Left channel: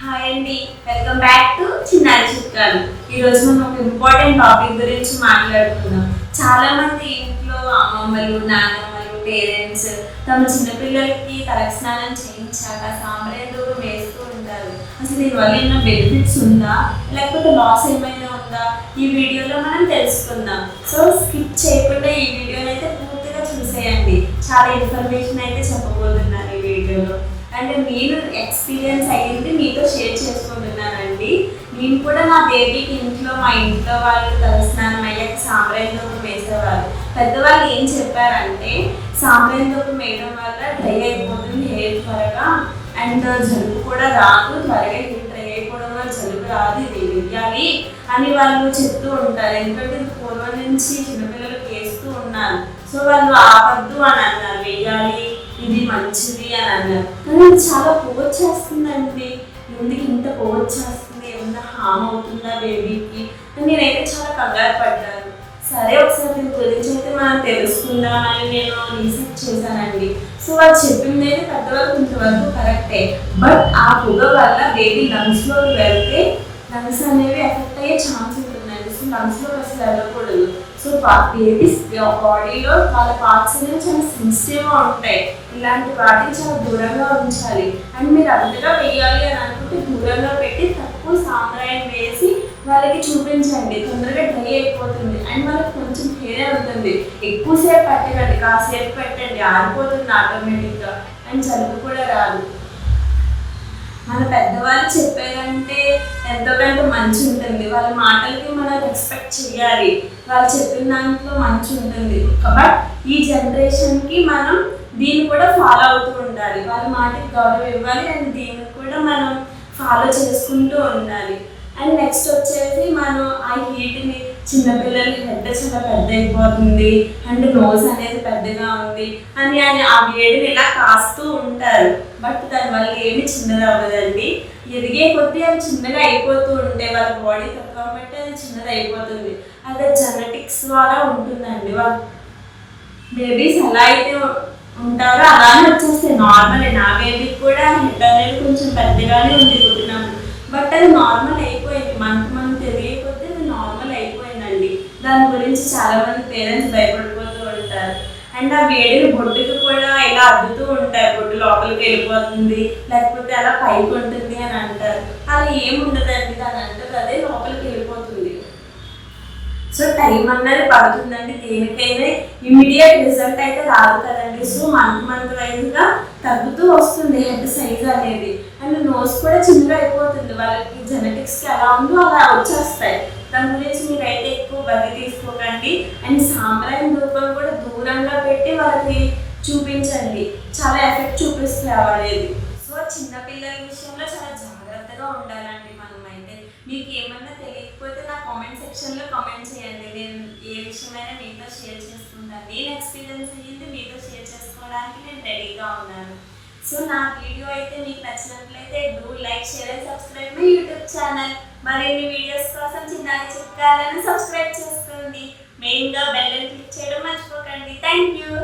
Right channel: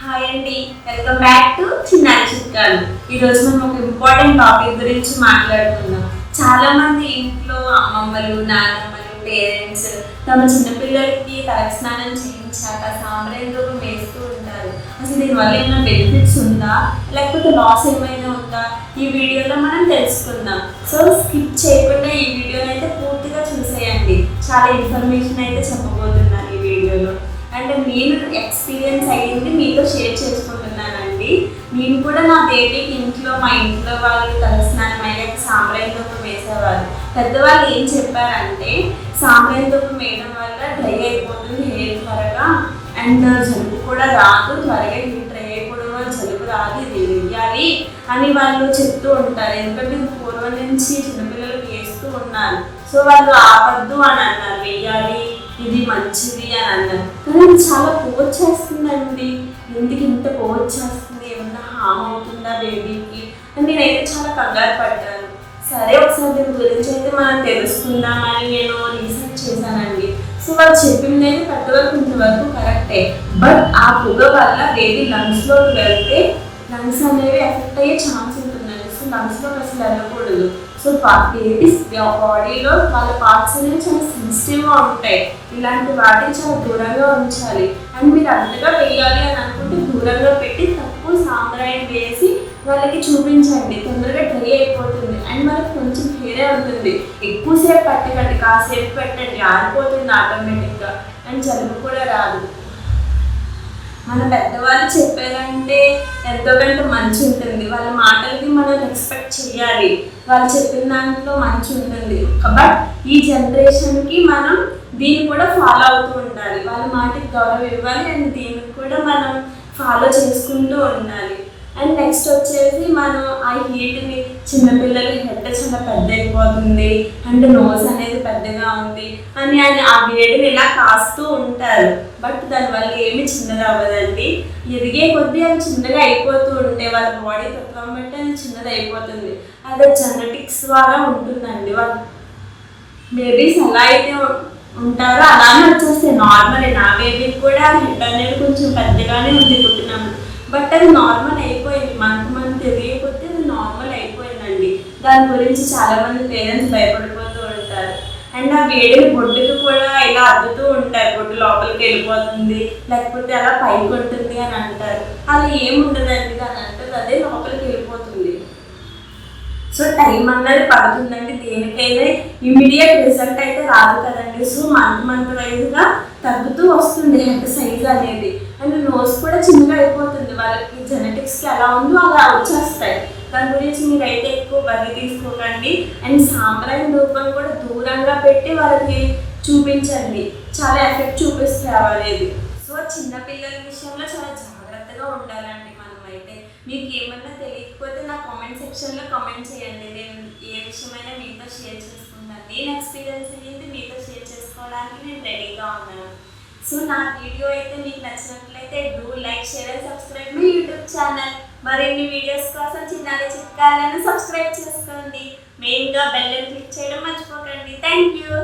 Hi అండి, welcome back to చిన్నారి చిట్కాలు. ఈరోజు మనం ఒక ఇంపార్టెంట్ టాపిక్ గురించి మాట్లాడుకుందాం. చాలా మంది ఇంట్లో అమ్మమ్మలు, నానమ్మలు, పేరెంట్స్ తమ చిన్నపిల్లలకి తలకి స్నానం చేయించాక సాంబ్రాణి ధూపం వేస్తూ ఉంటారు. అసలు దీనివల్ల ఏమైనా బెనిఫిట్స్ ఉందా, లేకపోతే లాస్ ఏమైనా ఉందా, ఈ వీడియోలో మనం తెలుసుకుందాం. సో స్కిప్ చేయకుండా ఈ వీడియోని అయితే పూర్తిగా చూసేయండి. చాలా ఇన్ఫర్మేషన్ అయితే చెప్పబోతున్నాను ఈ వీడియోలో. అండ్ నేను ఎక్స్పీరియన్స్ అయ్యింది మీతో షేర్ చేసుకుంటున్నానండి. నేను కూడా మా బేబీకి మా ఇంట్లో వాళ్ళు తలస్నానం అయ్యాక సాంబ్రాణి ధూపం వేసేవారు. పెద్దవాళ్ళు ఏం చెప్పారంటే సాంబ్రాణి ధూపం వేయడం వల్ల డ్రై అయిపోతుంది హెయిర్ త్వరగా, అండ్ జలుబు కూడా రాదు, త్వరగా హెయిర్ డ్రై అయిపోవడం వల్ల జలుబు రాదు, ఇది వెయ్యాలి అని వాళ్ళు చెప్తూ ఉంటారు. ఎందుకంటే ఇది పూర్వం నుంచి చిన్నపిల్లలకు వేస్తూ ఉన్నారు. సో వాళ్ళు ఆపద్దు అని అన్నారు, వెయ్యాలి, ఇది మంచిది అని అన్నారు. కానీ ఇది చాలా పోవచ్చేస్తుందండి. ఎందుకు ఇంత పోవచ్చేస్తుంది, ఏమన్నా హామ్ అవుతుందా బేబీకి అని నేనైతే చాలా కంగారు పడ్డాను. సరే ఒకసారి దీని గురించి అయితే మనం తెలుసుకుందామని నేను రీసెర్చ్ చేశానండి. సో వాళ్ళు చెప్పింది అయితే పెద్దవరకు ఇంతవరకు కరెక్టే. బట్ ఆ పొగ వల్ల బేబీ లంగ్స్లోకి వెళ్తే లంగ్స్ అనేవి ఎఫెక్ట్ అయ్యే ఛాన్స్ ఉంటుందండి. సో లంగ్స్లోకి అసలు వెళ్ళకూడదు. సో బేబీస్ బాడీలో వాళ్ళ పార్ట్స్ అనేవి చాలా సెన్సిటివ్గా ఉంటాయి. ఇలాంటి వాటిని చాలా దూరంగా ఉంచాలి. అండ్ మీరు అంతగా వేయాలి అని అనుకుంటే దూరంగా పెట్టి తక్కువ సాంబ్రాణి వేసి వాళ్ళకి చూపించండి. తొందరగా డ్రై అయిపోతుంది అండ్ వాళ్ళకి కొంచెం హెయిరే ఉంటుంది. ఎక్కువసేపు పెట్టకండి, కాసేపు పెట్టండి, ఆరిపోతుంది ఆటోమేటిక్గా అండ్ జలుబు కూడా రాదు. మన పెద్దవాళ్ళు చెప్పారంటే ఎంతో కొంత మంచి ఉంటుంది. వాళ్ళ మాటలకి మనం రెస్పెక్ట్ చేయాలి. వాళ్ళు చెప్పిన దాంట్లో మంచి ఉంటుంది. బట్ ఈ జనరేషన్కి మనం దీన్ని కూడా ఫాలో అవుతూ ఉండాలి. వాళ్ళ మాటకి గౌరవం ఇవ్వాలి అండ్ దీనికి కూడా మనం ఫాలో చేసుకుంటూ ఉండాలి. అండ్ నెక్స్ట్ వచ్చేసి మనం ఆ హీట్ని, చిన్నపిల్లల హెడ్ చాలా పెద్ద అయిపోతుంది అండ్ నోస్ అనేది పెద్దగా ఉంది అని ఆ వేడిని ఇలా కాస్తూ ఉంటారు. బట్ దానివల్ల ఏమి చిన్నగా అవ్వదండి. ఎదిగే కొద్దీ అవి చిన్నగా అయిపోతూ ఉంటాయి. వాళ్ళ బాడీ తక్కువ బట్టి అది చిన్నది అయిపోతుంది. అది జెనెటిక్స్ ద్వారా ఉంటుందండి. వాళ్ళ బేబీస్ ఎలా అయితే ఉంటారో అలానే వచ్చేస్తాయి. నార్మల్ నా బేబీకి కూడా హెడ్ అనేది కొంచెం పెద్దగానే ఉంది పుట్టినప్పుడు. బట్ అది నార్మల్ అయిపోయింది. మంత్ తెలియకపోతే అది నార్మల్ అయిపోయిందండి. దాని గురించి చాలామంది పేరెంట్స్ భయపడిపోతూ ఉంటారు. అండ్ ఆ వేడిని బొడ్డుకు కూడా ఇలా అద్దుతూ ఉంటారు. బొడ్డు లోపలికి వెళ్ళిపోతుంది, లేకపోతే అలా పైకి ఉంటుంది అని అంటారు. అలా ఏముండదండి, దాని అంటారు అదే లోపలికి వెళ్ళిపోతుంది. సో టైం అన్నది పడుతుందండి. దేనికైనా ఇమీడియట్ రిజల్ట్ అయితే రాదు కదండి. సో మంత్ వైజ్గా తగ్గుతూ వస్తుంది హెడ్ సైజ్ అనేది. అండ్ నోస్ కూడా చిన్నగా అయిపోతుంది. వాళ్ళకి జెనెటిక్స్కి ఎలా ఉందో అలా వచ్చేస్తాయి. దాని గురించి మీరైతే ఎక్కువ బలి తీసుకోకండి. అండ్ సాంబ్రాణి ధూపం కూడా దూరంగా పెట్టి వాళ్ళకి చూపించండి. చాలా ఎఫెక్ట్ చూపిస్తాయి అనేది. సో చిన్నపిల్లల విషయంలో చాలా జాగ్రత్తగా ఉండాలండి మనం అయితే. మీకు ఏమన్నా తెలియకపోతే నా కామెంట్ సెక్షన్లో కామెంట్ చేయండి. నేను ఏ విషయమైనా మీతో షేర్ చేసుకుంటాను. నేను ఎక్స్పీరియన్స్ అయ్యింది మీతో షేర్ చేసుకోవడానికి నేను రెడీగా ఉన్నాను. సో నా వీడియో అయితే మీకు నచ్చినట్లయితే do like, share and subscribe my YouTube channel. మరిన్ని వీడియోస్ కోసం చిన్నారి చిట్కాలను సబ్స్క్రైబ్ చేసుకోండి. మెయిన్గా బెల్ క్లిక్ చేయడం మర్చిపోకండి. Thank you.